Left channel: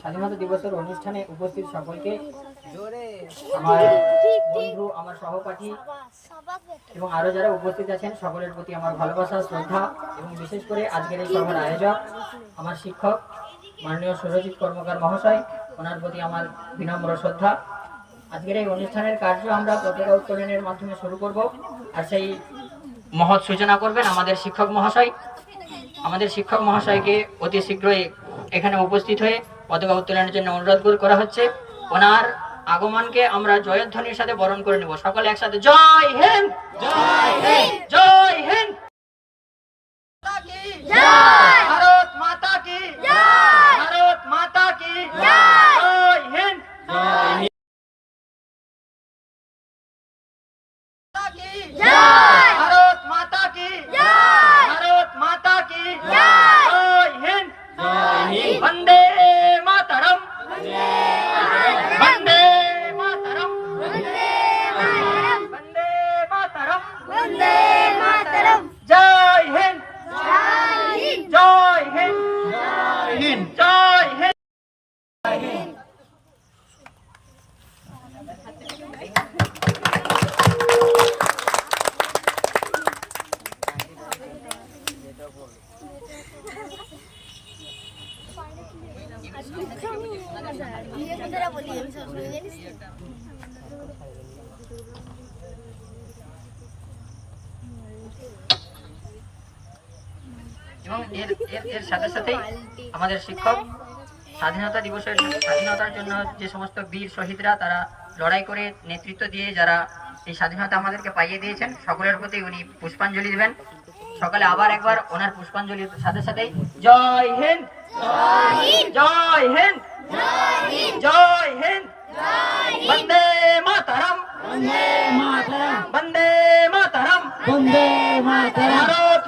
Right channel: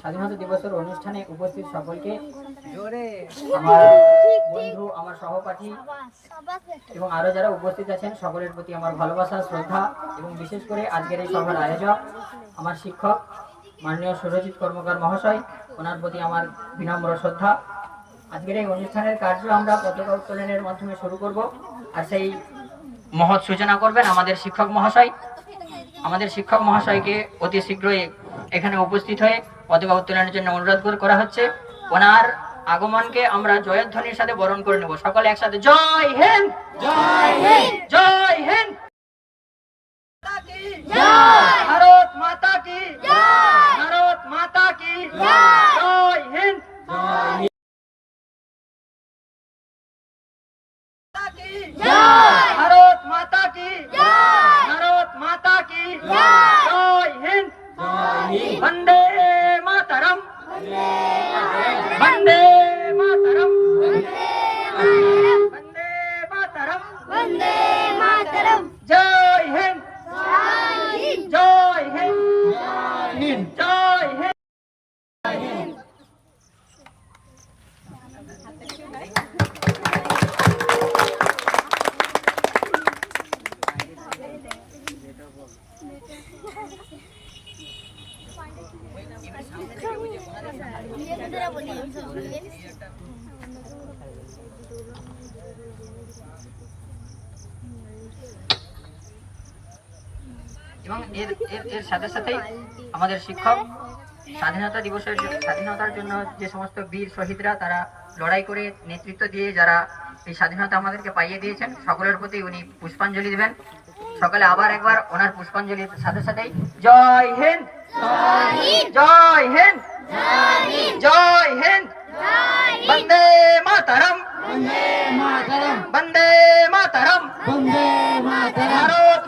স্বাধীনতা দিবসের অনুষ্ঠানে উপস্থিত সকলকে আমার বন্ধু আমার সহপাঠী এবং আরও যারা উপস্থিত আছেন সকলের প্রতি আমার ভালোবাসা শ্রদ্ধা এবং বিশেষ করে আজকের এই সভার আয়োজক আমার শিক্ষক মাননীয় সুরজিৎ কর্মকার মহাশয় ওনার প্রতি আমার বিনম্র শ্রদ্ধা। আজকের এই অনুষ্ঠানের কার্য আমরা পতাকা উত্তোলনের মাধ্যমে শুরু করব। আর সেই মহৎ সূচনা করবেন আমাদের শিক্ষক মহাশয়। আমাদের শিক্ষক মহাশয়কে অতি শীঘ্রই এখানে উপস্থিত হয়ে পতাকা উত্তোলনের জন্য অনুরোধ কর- করা হচ্ছে। ওনার আগমনকে আমরা জয়ধ্বনির সাথে বরণ করে নেব। সকলে একসাথে জয় হিন্দ! জয় হিন্দ! জয় হিন্দ! ভারত মাতা কি ভারত মাতা কি জয় হিন্দ! ভারত মাতা কি ভারত মাতা কি জয় হিন্দ! বন্দে মাতরম বন্দে মাতরম বন্দে মাতরম জয় হিন্দ জয় হিন্দ জয় হিন্দ এবং এর এর এর সাথে সাথেই আমাদের শিক্ষক স্বাধীনতা দিবসের স্বাধীনতার জন্য যে সমস্ত বীর শহীদরা তারা লড়াই করে নেতৃত্ব দিয়ে যারা এই স্বাধীনতা আমাদেরকে পাইয়ে দিয়েছেন, সকলের প্রতি উনি পুষ্পাঞ্জলি দিবেন। সকালে আবার একবার ওনার পুষ্পাঞ্জলির সাথে সাথেই। জয় হিন্দ! জয় হিন্দ! জয় হিন্দ! বন্দে মাতারাম! বন্দে মাতারাম! বন্দে মাতারাম! ভারত